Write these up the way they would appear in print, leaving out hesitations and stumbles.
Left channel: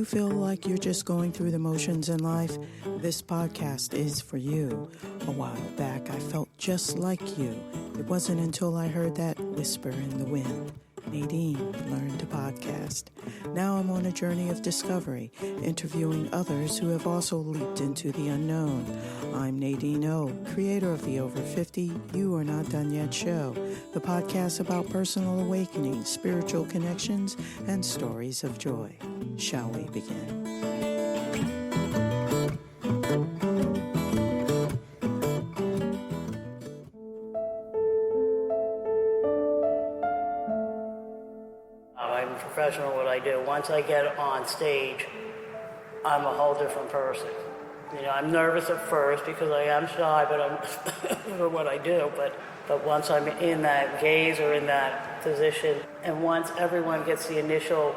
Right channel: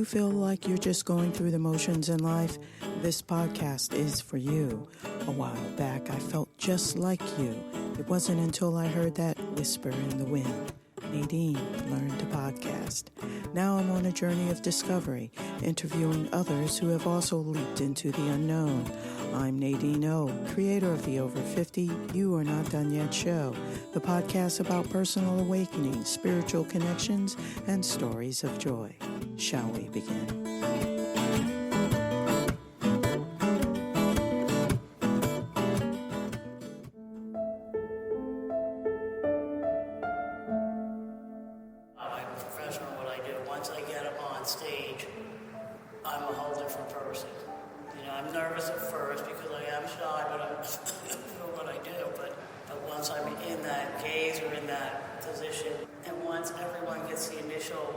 you feel like you're just going through the motions in life? This podcast is for you. A while back, I felt just like you. It wasn't until I heard that whisper in the wind. Nadine learned to podcast. Now I'm on a journey of discovery, interviewing others who have also leaped into the unknown. I'm Nadine O, creator of the Over 50 You Are Not Done Yet show, the podcast about personal awakening, spiritual connections, and stories of joy. Shall we begin? Professional what I do. Once I get on stage, I'm a whole different person. You know, I'm nervous at first because I am shy, but I'm for what I do. But once I'm in that gaze or in that position, and once everyone gets the initial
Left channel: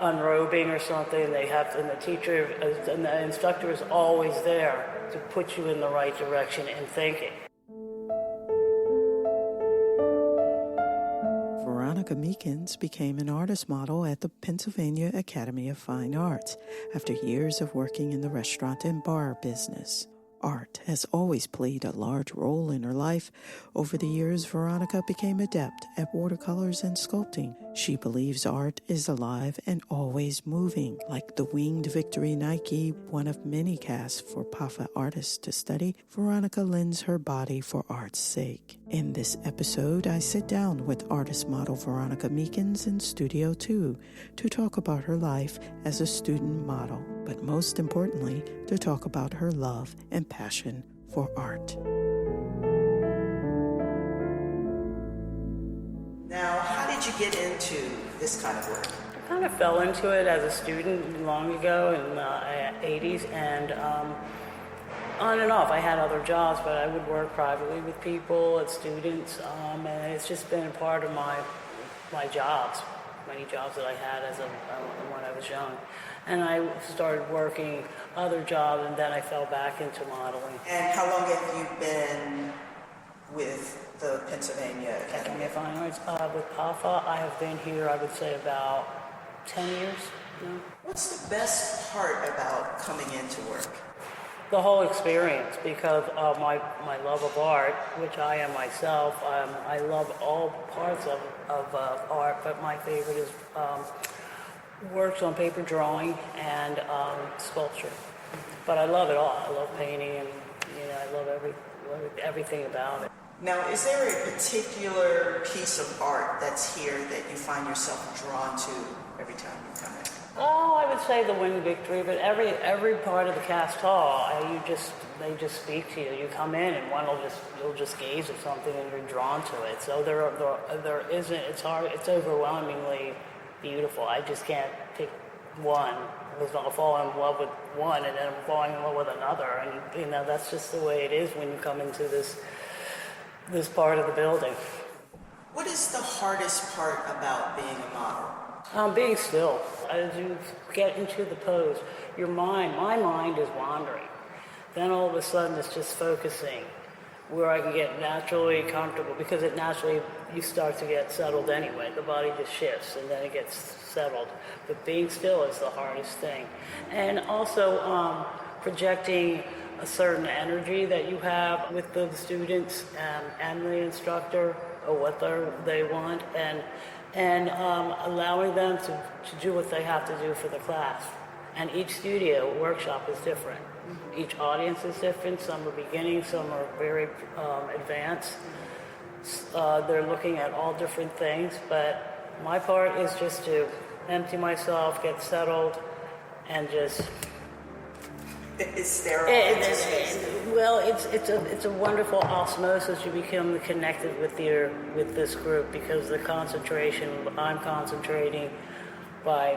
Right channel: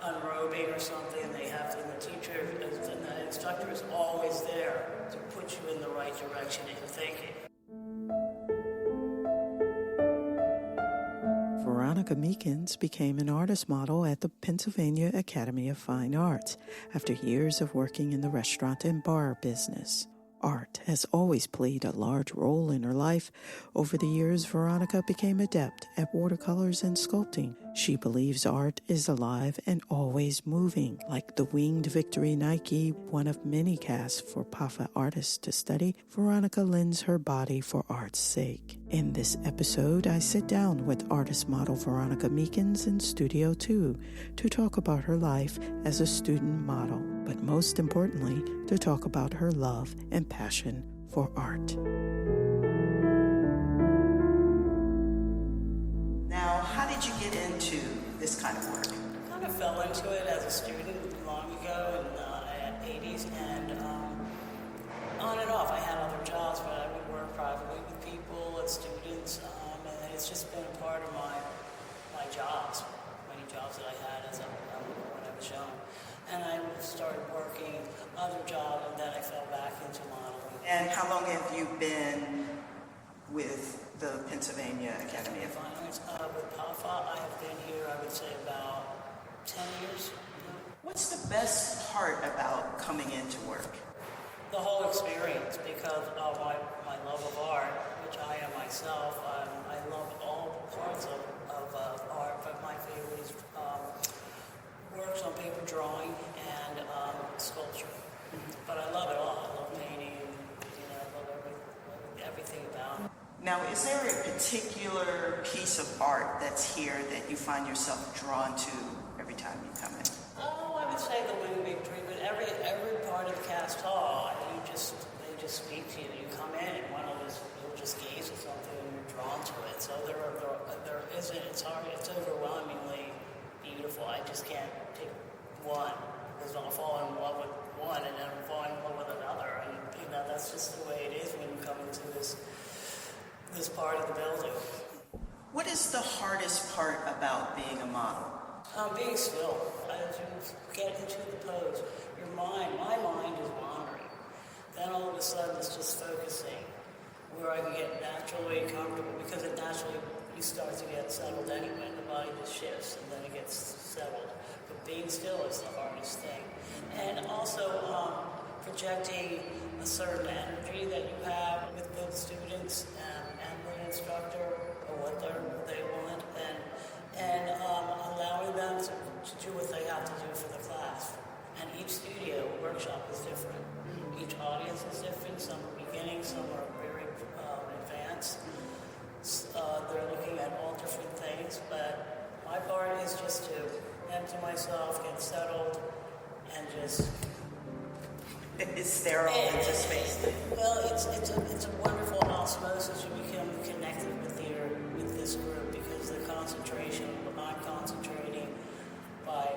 unrobing or something, they have to, and the teacher and the instructor is always there to put you in the right direction in thinking. Veronica Meekins became an artist model at the Pennsylvania Academy of Fine Arts after years of working in the restaurant and bar business. Art has always played a large role in her life. Over the years, Veronica became adept at watercolors and sculpting. She believes art is alive and always moving. Like the winged Victory Nike, one of many casts for PAFA artists to study, Veronica lends her body for art's sake. In this episode, I sit down with artist model Veronica Meekins in Studio 2 to talk about her life as a student model, but most importantly, to talk about her love and passion for art. Now, how did you get into this kind of work? I kind of fell into it as a student long ago in the 80s, and on and off. I had other jobs, but I would work privately with people, at students, and it's just been a part of my jobs, many jobs that I had when I was young. And I started working other jobs, and then I fell back into modeling. And how long have you been with the Pennsylvania Academy of Fine Arts? With PAFA, I have been here, I would say, about 10 years. What's the best part about coming into work? The whole experience, because of my love of art, which I am myself. I love all parts of art, but my favorite is works on paper drawing and sculpture. But I love it all. I love painting, and I love everything about it. Now, is there a particular piece of art that's here that you find yourself drawn to every time you come in? Oh, I would say the Winged Victory, but every part of the cast hall, they just speak to you. You come in and one will just gaze at something and you're drawn to it. So there isn't. It's hard. It's overwhelmingly beautiful. I just can't pick one. I'll fall in love with one and then fall in love with another, and that's just the way it is when you come into this part of the building. What is the hardest part about being a model? Being still. As you get into the pose, my mind is wandering. Then all of a sudden it's just focusing where I can get naturally comfortable, because you start to get settled anyway. The body just shifts and then it gets settled. But being still is the hardest thing. And also projecting a certain energy that you have with the students and the instructor, or what they want, and allowing them to do what they have to do for the class. And each studio workshop is different. Each audience is different. Some are beginning, some are very advanced. They're looking at all different things, but my part is just to empty myself, get settled, and just... It's sterile. Well, it's a wonderful osmosis. You become connected with this group, because the concentration, I'm concentrating by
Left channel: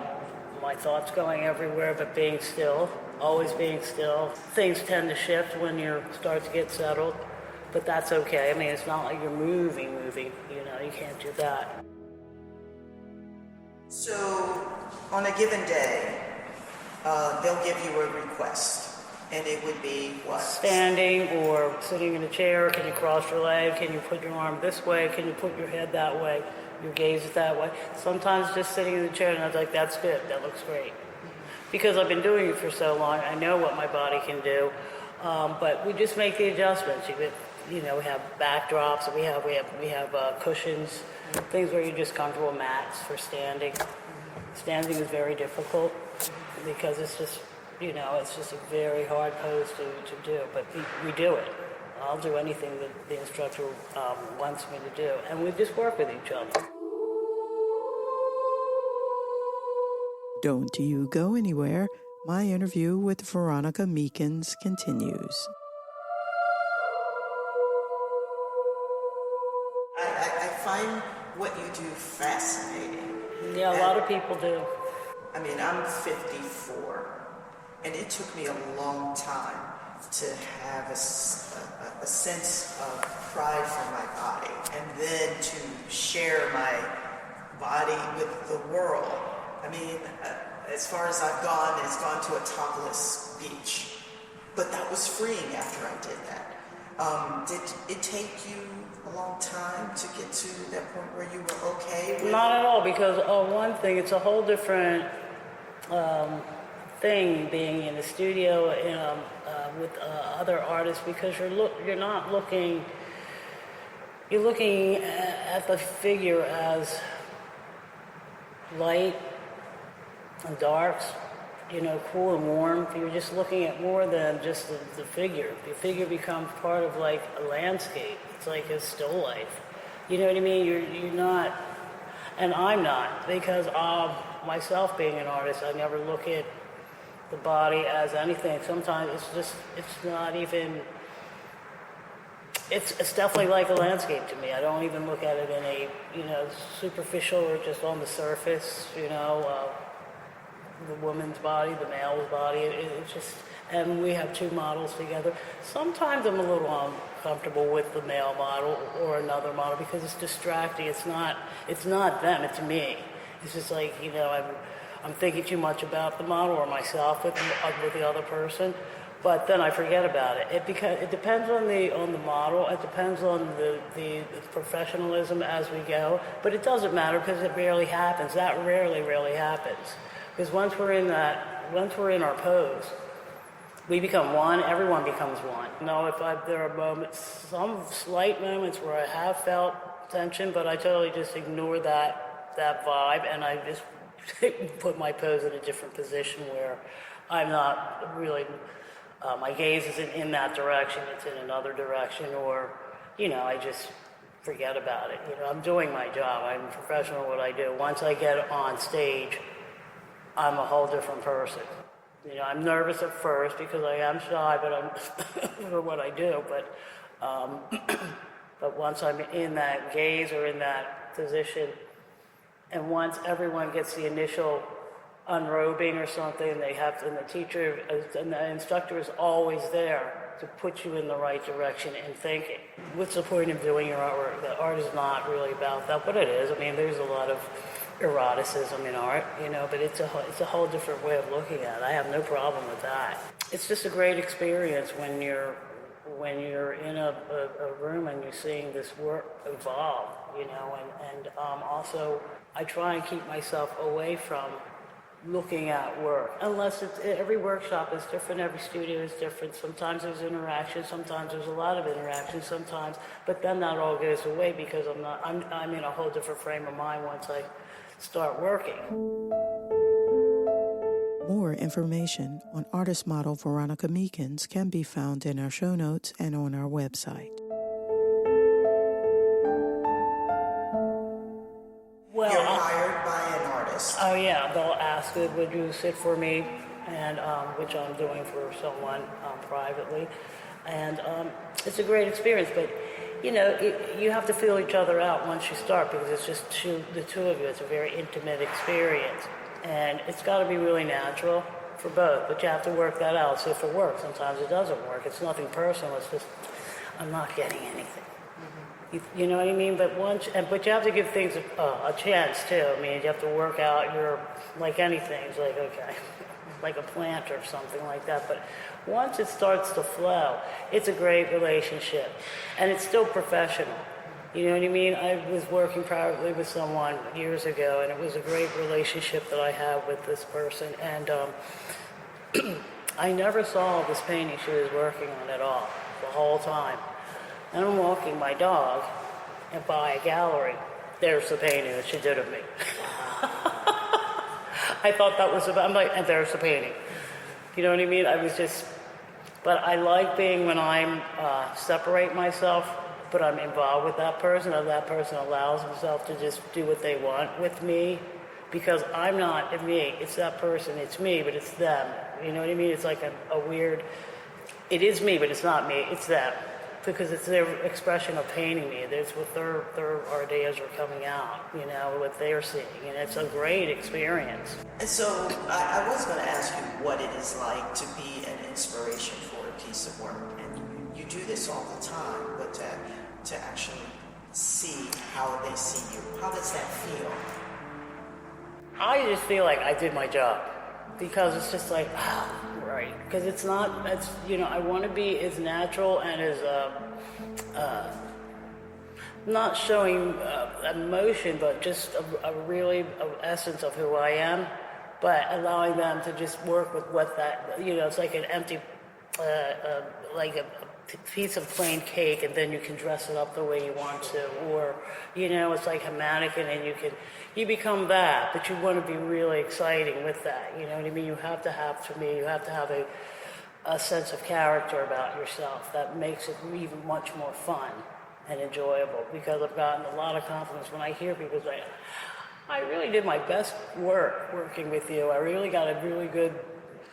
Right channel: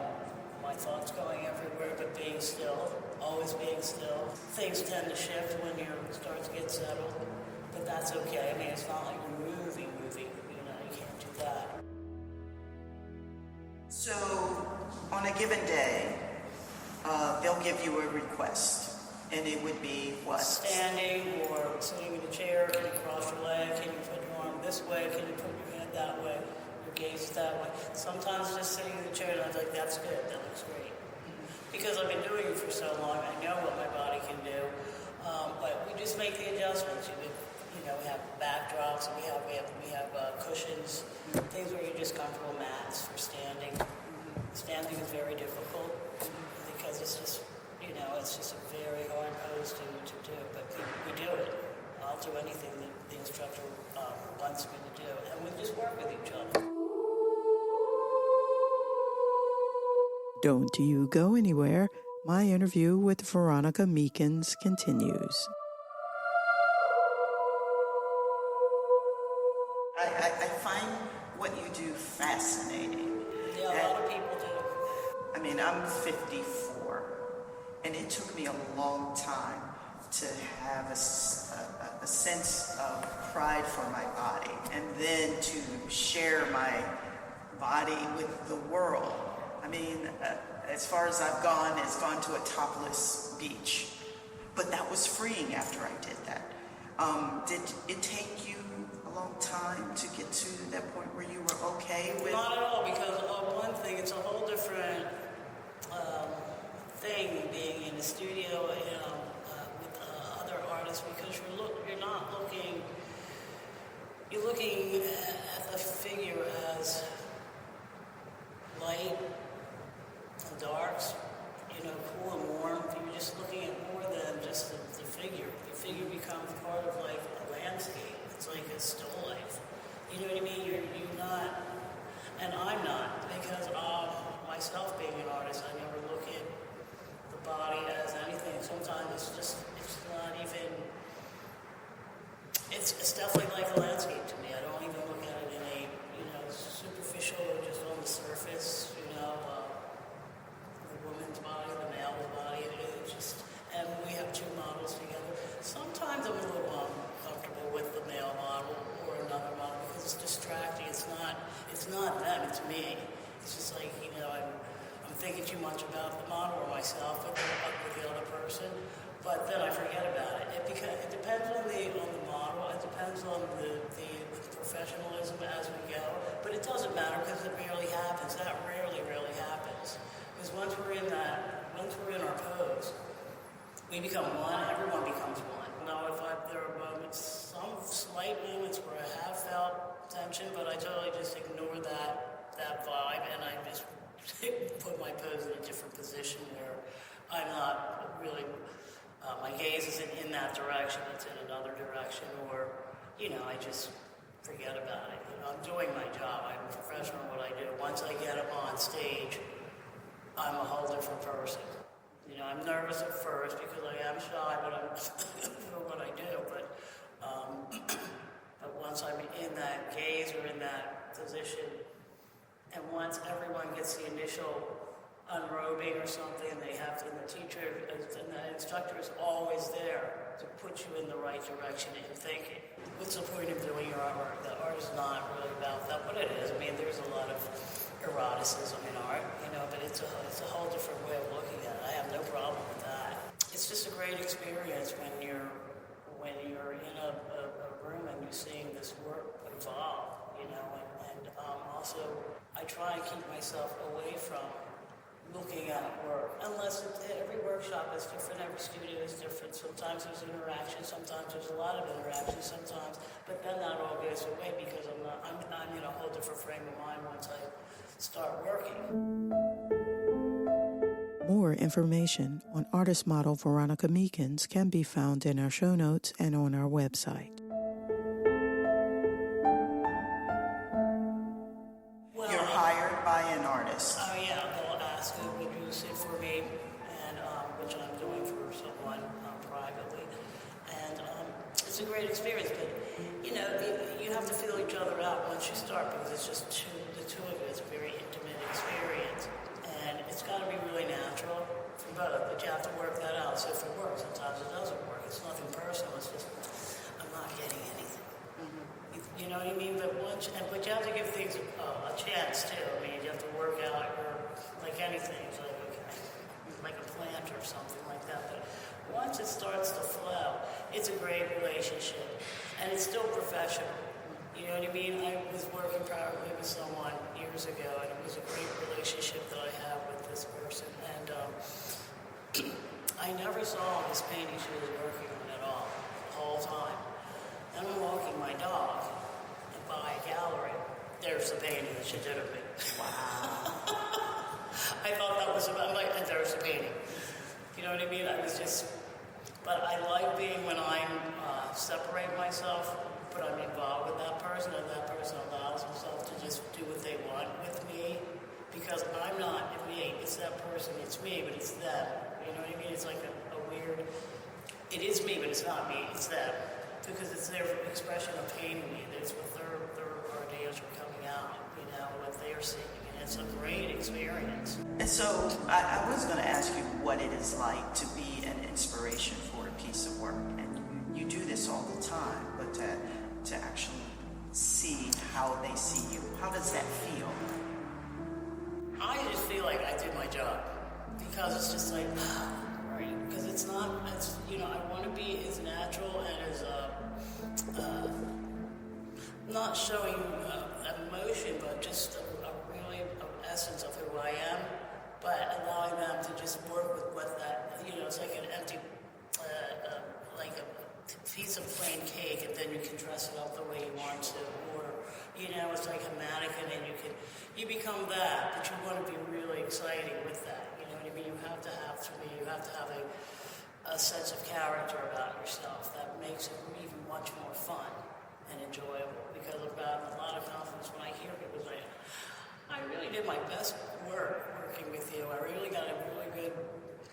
my thoughts going everywhere, but being still, always being still. Things tend to shift when you start to get settled, but that's okay. I mean, it's not like you're moving. You can't do that. So, on a given day, they'll give you a request. And it would be what? Standing or sitting in a chair. Can you cross your leg? Can you put your arm this way? Can you put your head that way? Your gaze is that way. Sometimes just sitting in the chair, and I was like, that's good. That looks great. because I've been doing it for so long. I know what my body can do, but we just make the adjustments. We have backdrops, we have cushions, things where you're just comfortable, mats for standing. Standing is very difficult because it's just a very hard pose to do, but we do it. I'll do anything that the instructor wants me to do, and we just work with each other. Don't you go anywhere. My interview with Veronica Meekins continues. I find what you do fascinating. Yeah, a lot of people do. I mean, I'm 54, and it took me a long time to have a sense of pride for my body, and then to share my body with the world. I mean, as far as I've gone, it's gone to a topless beach, but that was freeing after I did that. Did it take you a long time to get to that point where you were okay with it? Not at all, because one thing, it's a whole different thing being in the studio with other artists, because you're not looking. You're looking at the figure as light and darks, cool and warm. You're just looking at more than just the figure. The figure becomes part of like a landscape. It's like a still life. You know what I mean? You're not, and I'm not, because myself being an artist, I never look at the body as anything. Sometimes it's not even, it's definitely like a landscape to me. I don't even look at it in a, superficial or just on the surface, the woman's body, the male's body. It's just, and we have two models together. Sometimes I'm a little uncomfortable with the male model or another model because it's distracting. It's not them, it's me. It's just like, I'm thinking too much about the model or myself with the other person, but then I forget about it. It depends on the model. It depends on the professionalism as we go. But it doesn't matter because it rarely happens. That rarely happens. Because once we're in our pose, we become one. Everyone becomes one. There are moments, some slight moments where I have felt tension, but I totally just ignore that vibe, and I just put my pose in a different position where I'm not really, my gaze isn't in that direction, it's in another direction, or, I just forget about it. I'm doing my job, I'm a professional at what I do. Once I get on stage, I'm a whole different person. I'm nervous at first because I am shy, but I'm for what I do, but once I'm in that gaze or in that position, and once everyone gets the initial unrobing or something, and the teacher and the instructor is always there to put you in the right direction in thinking. What's the point of doing your artwork? The art is not really about that, but it is. I mean, there's a lot of eroticism in art, but it's a whole different way of looking at it. I have no problem with that. It's just a great experience when you're in a room and you're seeing this work evolve, and also I try and keep myself away from looking at work, unless every workshop is different, every studio is different. Sometimes there's interaction, sometimes there's a lot of interaction, but then that all goes away because I'm in a whole different frame of mind once I start working. More information on artist model Veronica Meekins can be found in our show notes and on our website. Well, you're hired by an artist. Oh yeah, they'll ask, would you sit for me, and which I'm doing for someone privately, and it's a great experience. But you have to feel each other out once you start because it's just the two of you. It's a very intimate experience. And it's got to be really natural for both, but you have to work that out. So if it works, sometimes it doesn't work. It's nothing personal. It's just, I'm not getting anything. Mm-hmm. You know what I mean? But you have to give things a chance too. I mean, you have to work out like anything. It's like, okay, like a plant or something like that. But once it starts to flow, it's a great relationship. And it's still professional. You know what I mean? I was working privately with someone years ago, and it was a great relationship that I had with this person. And I never saw this painting she was working on at all, the whole time. And I'm walking my dog, and by a gallery, there's the painting that she did of me. I thought that was about, I'm like, and there's the painting. You know what I mean? I was just, but I like being when I'm, separate myself, but I'm involved with that person, and that person allows himself to just do what they want with me, because I'm not me, it's that person, it's me, but it's them. You know what I mean? It's like a weird, it is me, but it's not me, it's them. Because it's their expression of painting me. It's what their ideas are coming out, you know, what they're seeing. And it's a great experience. And so I was going to ask you what it is like to be an inspiration for a piece of work. And you do this all the time, but to actually see how they see you, how does that feel? I just feel like I did my job. Because it's just like, right. Because it's not, it's, you know, I want to be as natural and as, not showing emotion, but just a really essence of who I am, but allowing them to just work with what that, you know, it's like an empty, like a piece of plain cake, and then you can dress it up the way you want to, or, you know, it's like a mannequin, and you become that, but you want to be really exciting with that, you know what I mean? You have to have, to me, you have to have a sense of character about yourself that makes it even much more fun and enjoyable, because I've gotten a lot of confidence when I hear people say, I really did my best work working with you, I really got a really good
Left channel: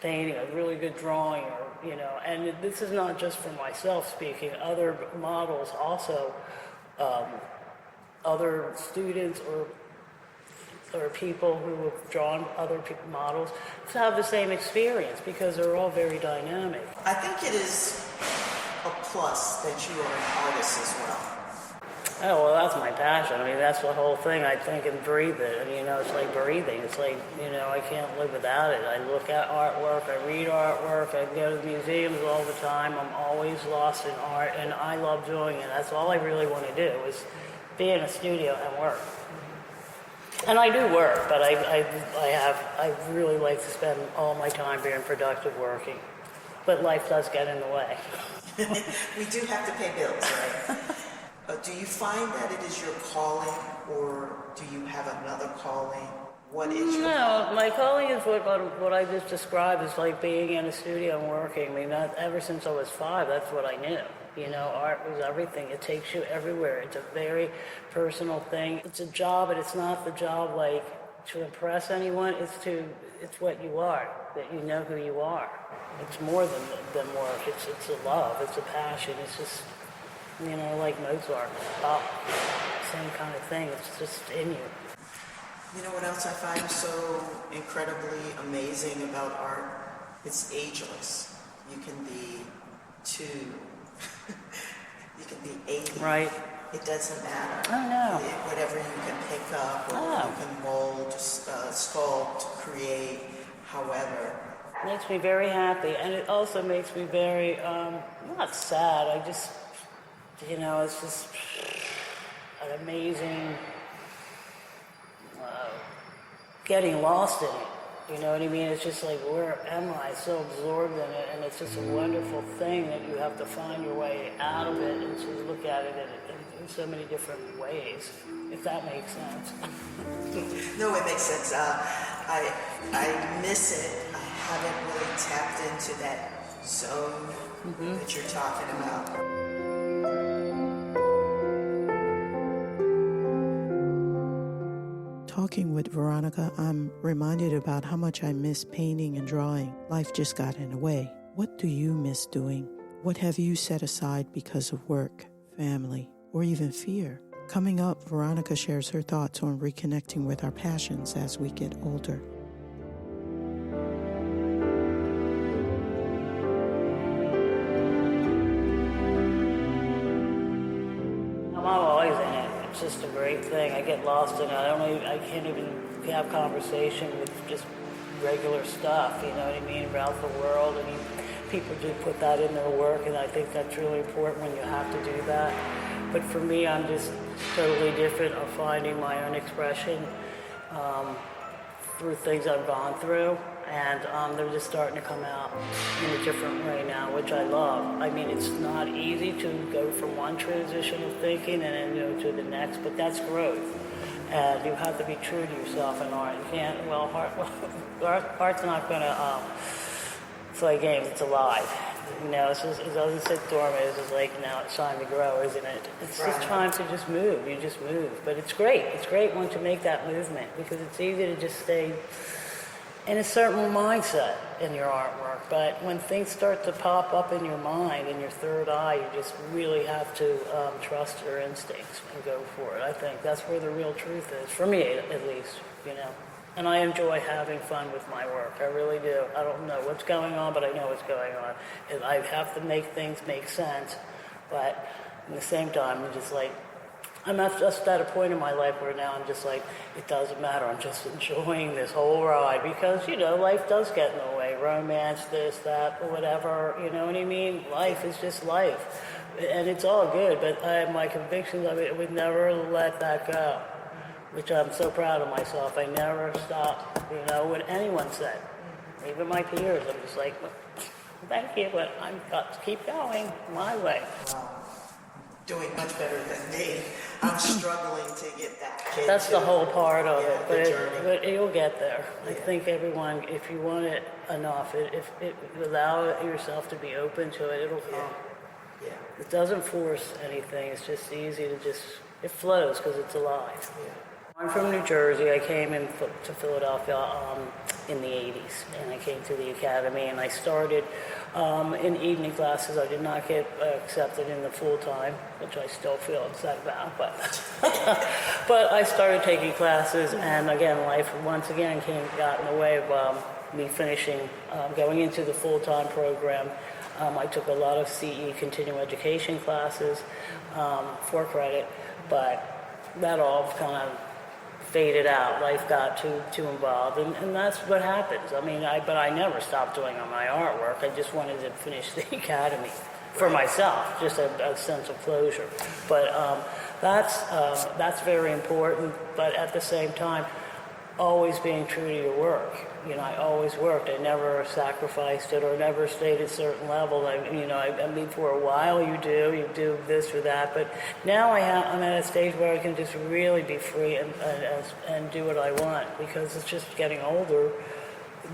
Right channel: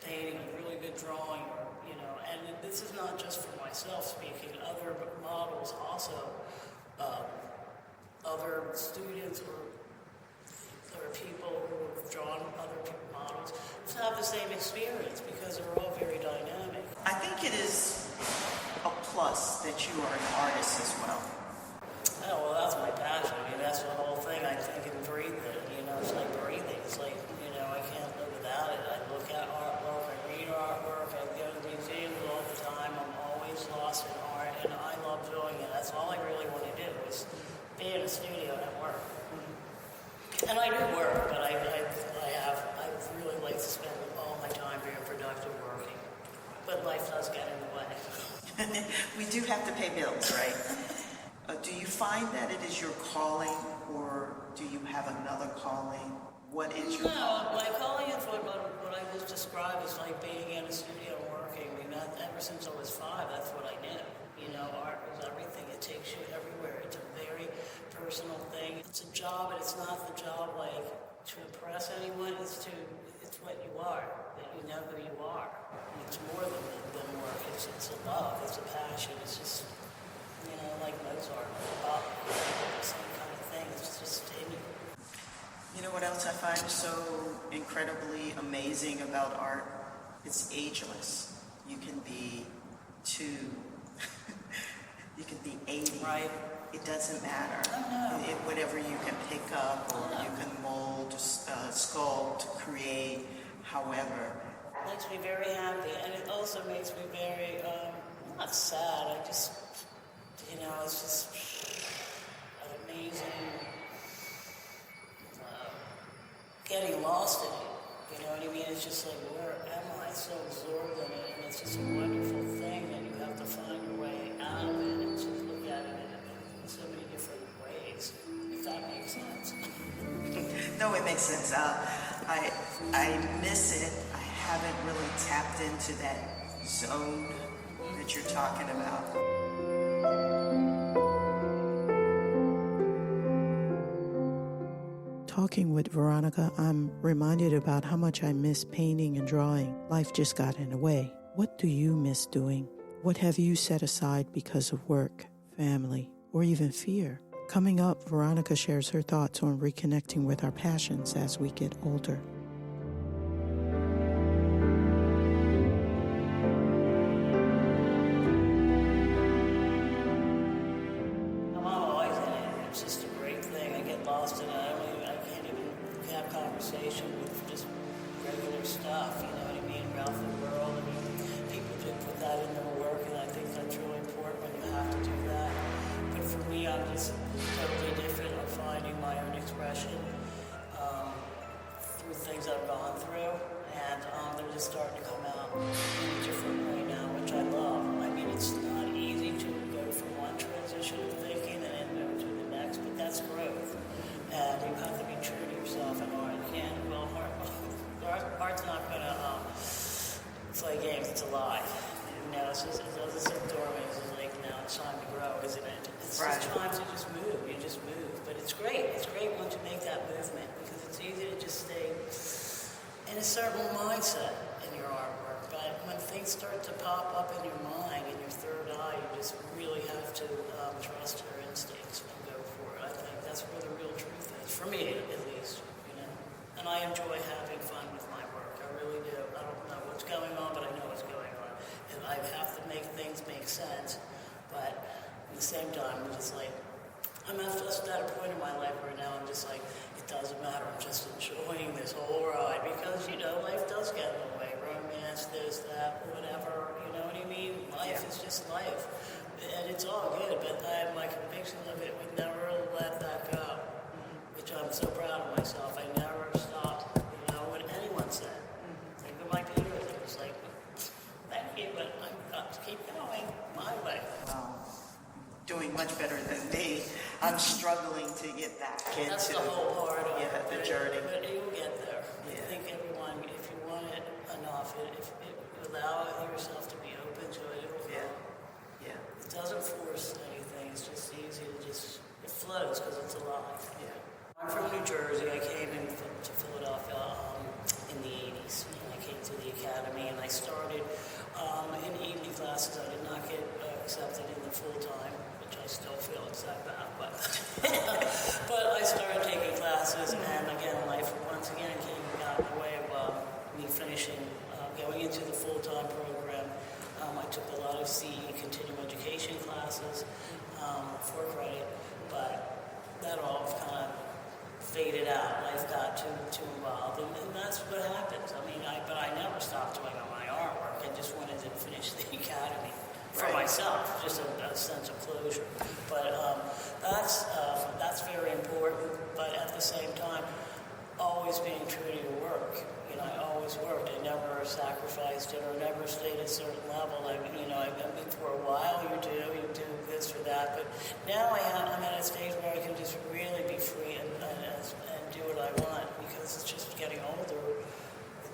painting, a really good drawing, or, you know, and this is not just for myself speaking, other models also, other students or people who have drawn other models to have the same experience, because they're all very dynamic. I think it is a plus that you are an artist as well. Oh, well, that's my passion. I mean, that's the whole thing. I think and breathe it. And, you know, it's like breathing. It's like, you know, I can't live without it. I look at artwork, I read artwork, I go to museums all the time. I'm always lost in art, and I love doing it. That's all I really want to do, is be in a studio and work. And I do work, but I really like to spend all my time being productive working. But life does get in the way. We do have to pay bills, right? Do you find that it is your calling, or do you have another calling? What is your calling? My calling is what I just described, is like being in a studio and working. I mean, ever since I was 5, that's what I knew. You know, art is everything. It takes you everywhere. It's a very personal thing. It's a job, but it's not the job like to impress anyone. It's what you are, that you know who you are. It's more than work. It's a love. It's a passion. It's just, you know, like Mozart, same kind of thing. It's just in you. You know what else I find so incredibly amazing about art? It's ageless. You can be 2. You can be 80. Right. It doesn't matter. Oh, no. Whatever you can pick up, or you can mold, sculpt, create, however. It makes me very happy, and it also makes me very, not sad, I just, you know, it's just an amazing, getting lost in it. You know what I mean? It's just like, where am I? So absorbed in it, and it's just a wonderful thing that you have to find your way out of it and just look at it in so many different ways, if that makes sense. No, it makes sense. I miss it. I haven't really tapped into that zone that you're talking about. Talking with Veronica, I'm reminded about how much I miss painting and drawing. Life just got in the way. What do you miss doing? What have you set aside because of work, family, or even fear? Coming up, Veronica shares her thoughts on reconnecting with our passions as we get older. Just a great thing. I get lost in it. I can't even have conversation with just regular stuff, you know what I mean, around the world, and people do put that in their work, and I think that's really important when you have to do that. But for me, I'm just totally different. I'm finding my own expression through things I've gone through, and they're just starting to come out in a different way now, which I love. I mean, it's not easy to go from one transition of thinking and then go to the next, but that's growth. And you have to be true to yourself in art. You can't, art's not going to play games, it's alive. You know, it doesn't sit dormant. It's just like, now it's time to grow, isn't it? It's just time to just move. You just move. But it's great. It's great once you make that movement, because it's easy to just stay in a certain mindset in your artwork. But when things start to pop up in your mind, in your third eye, you just really have to trust your instincts and go for it. I think that's where the real truth is, for me at least, you know. And I enjoy having fun with my work. I really do. I don't know what's going on, but I know what's going on. And I have to make things make sense. But at the same time, I'm just like, I'm not just at a point in my life where now I'm just like, it doesn't matter. I'm just enjoying this whole ride. Because, you know, life does get in the way. Romance, this, that, whatever. You know what I mean? Life is just life. And it's all good. But I have my convictions of it. I would never let that go. Which I'm so proud of myself. I never stopped, you know, when anyone said. Even my peers, I'm just like, thank you, but I'm got to keep going my way. Doing much better than me. I'm struggling to get that kid. That's the whole part of it, but but you'll get there. I think everyone, if you want it enough, if allow yourself to be open to it, it'll come. Yeah. It doesn't force anything. It's just easy to just, it flows because it's alive. Yeah. I'm from New Jersey. I came to Philadelphia in the 80s, and I came to the academy, and I started in evening classes. I did not get accepted in the full-time, which I still feel upset about, but I started taking classes, and again, life once again got in the way of me finishing, going into the full-time program. I took a lot of CE, continuing education classes, for credit, but that all kind of faded out. Life got too involved, and that's what happens. I mean, but I never stopped doing my artwork. I just wanted to finish the academy for myself, just a sense of closure. But that's very important. But at the same time, always being true to your work. You know, I always worked. I never sacrificed it or never stayed at a certain level. I mean, for a while you do this or that, but now I'm at a stage where I can just really be free and do what I want, because it's just getting older.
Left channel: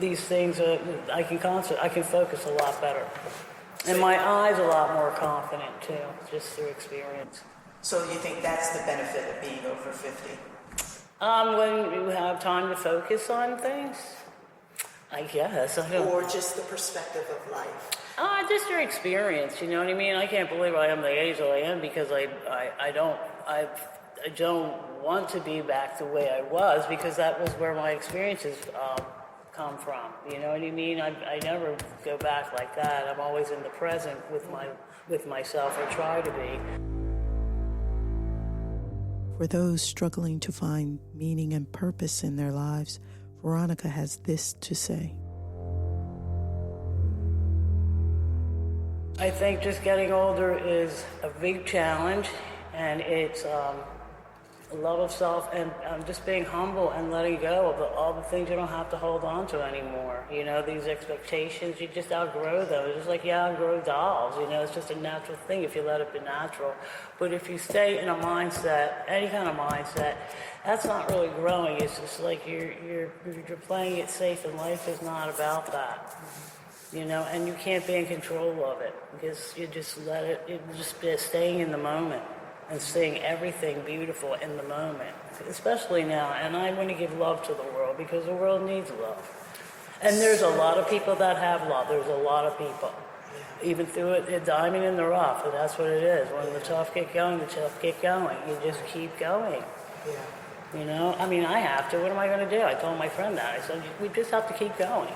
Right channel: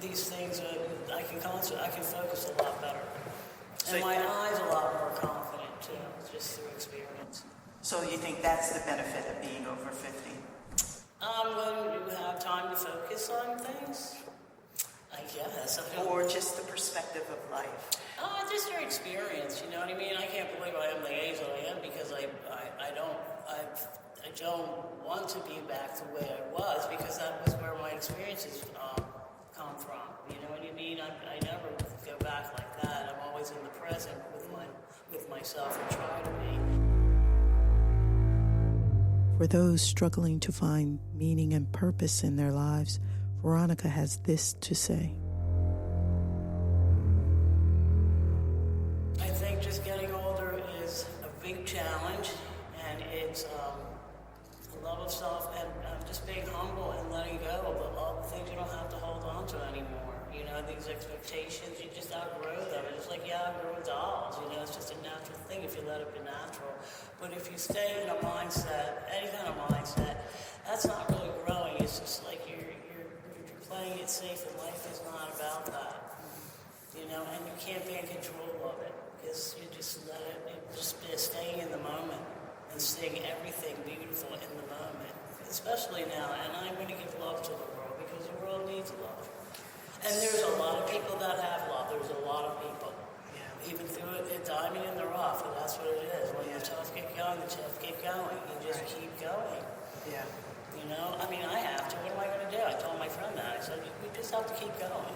These things, I can focus a lot better. And my eyes a lot more confident too, just through experience. So you think that's the benefit of being over 50? When you have time to focus on things, I guess. Or just the perspective of life? Just your experience, you know what I mean? I can't believe I am the age that I am, because I don't want to be back the way I was, because that was where my experiences come from. You know what I mean? I never go back like that. I'm always in the present with myself, or try to be. For those struggling to find meaning and purpose in their lives, Veronica has this to say. I think just getting older is a big challenge, and it's a love of self, and just being humble and letting go of all the things you don't have to hold on to anymore. You know, these expectations, you just outgrow those. It's like you outgrow dolls, you know, it's just a natural thing if you let it be natural. But if you stay in a mindset, any kind of mindset, that's not really growing. It's just like you're playing it safe, and life is not about that. You know, and you can't be in control of it, because you just let it, you just be staying in the moment and seeing everything beautiful in the moment, especially now. And I want to give love to the world, because the world needs love. And there's a lot of people that have love. There's a lot of people. Even through it, diamond in the rough, and that's what it is. When the tough get going, the tough get going. You just keep going. Yeah. You know, I mean, I have to. What am I going to do? I told my friend that. I said, we just have to keep going.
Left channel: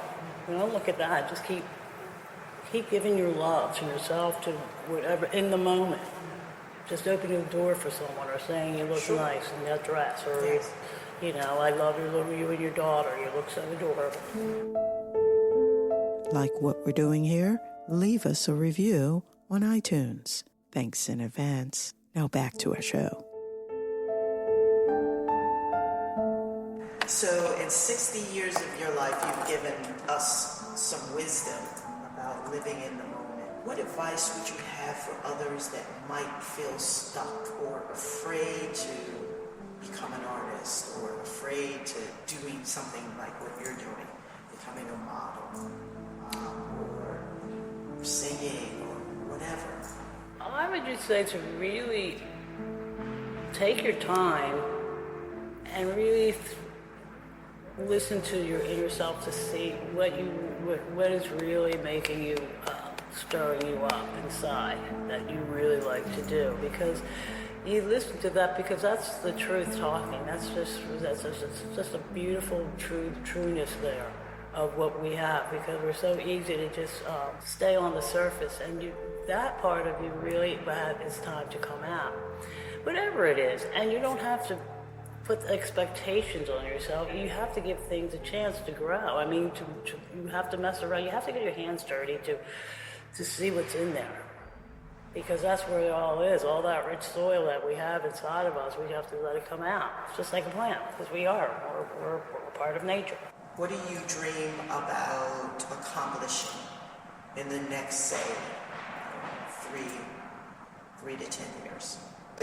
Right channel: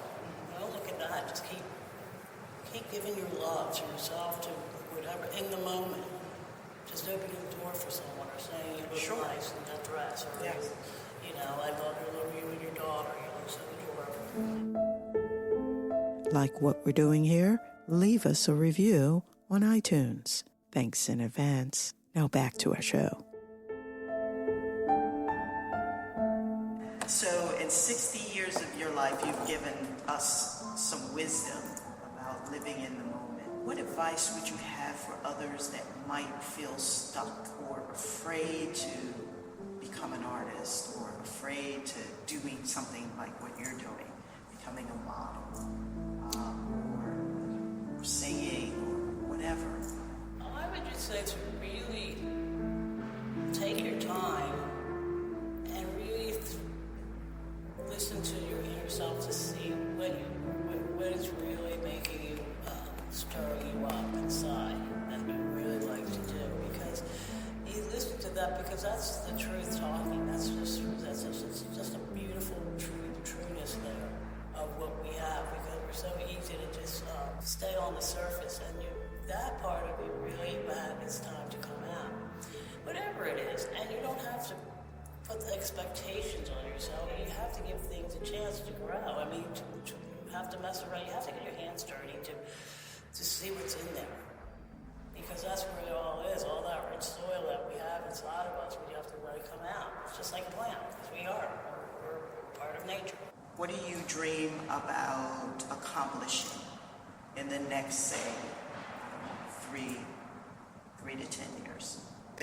You know, look at that. Just keep giving your love to yourself, to whatever, in the moment. Just opening the door for someone, or saying you look nice in that dress, or, you know, I love you and your daughter. You look so adorable. Like what we're doing here? Leave us a review on iTunes. Thanks in advance. Now back to our show. So in 60 years of your life, you've given us some wisdom about living in the moment. What advice would you have for others that might feel stuck or afraid to become an artist or afraid to doing something like what you're doing, becoming a model or singing or whatever? I would just say to really take your time and really listen to your inner self to see what is really making you, stirring you up inside that you really like to do. Because you listen to that because that's the truth talking. That's just a beautiful trueness there of what we have, because we're so easy to just stay on the surface, and that part of you really it's time to come out. Whatever it is, and you don't have to put expectations on yourself. You have to give things a chance to grow. I mean, you have to mess around. You have to get your hands dirty to see what's in there. Because that's where it all is. All that rich soil that we have inside of us, we have to let it come out. It's just like a plant, because we're part of nature. What do you dream about accomplishing in the next, say, 3 to 10 years?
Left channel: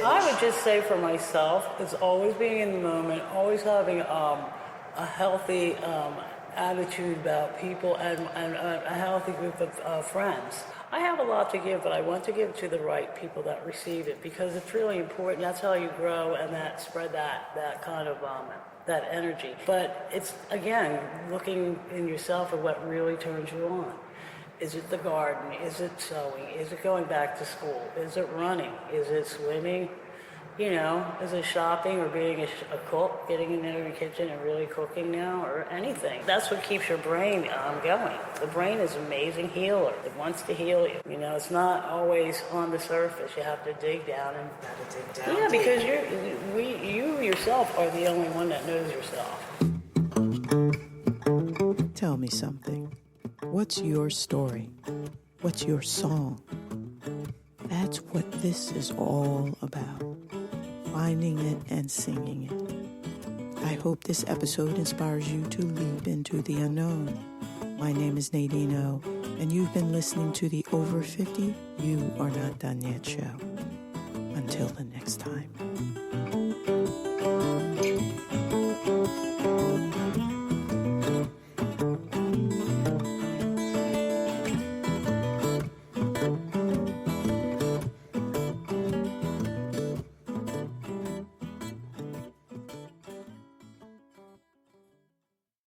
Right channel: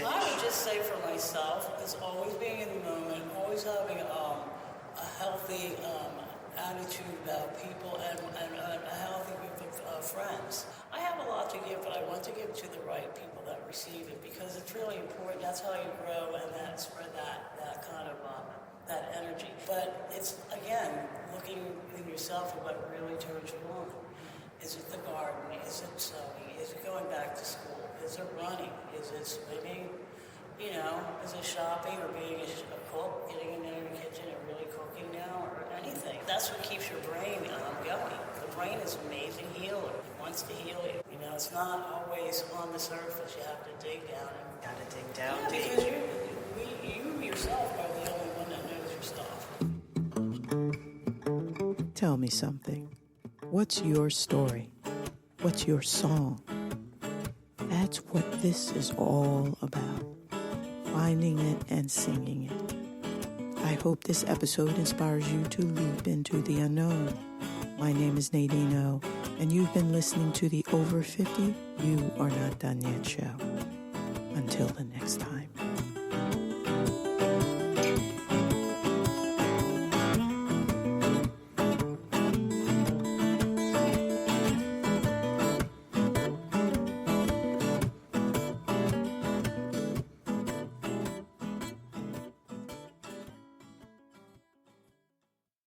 I would just say for myself, it's always being in the moment, always having a healthy attitude about people and a healthy group of friends. I have a lot to give, but I want to give it to the right people that receive it, because it's really important. That's how you grow and spread that kind of that energy. But it's, again, looking in yourself at what really turns you on. Is it the garden? Is it sewing? Is it going back to school? Is it running? Is it swimming? You know, is it shopping or being a cook, getting in your kitchen and really cooking now, or anything? That's what keeps your brain going. The brain is an amazing healer. It wants to heal you. You know, it's not always on the surface. You have to dig down and Gotta dig down. yeah, because you yourself are the only one that knows yourself. Tell me something. What's your story? What's your song? That's what this is all about. Finding it and singing it. I hope this episode inspires you to leap into the unknown. My name is Nadine O, and you've been listening to the Over 50 You Are Not Done Yet show. Until the next time.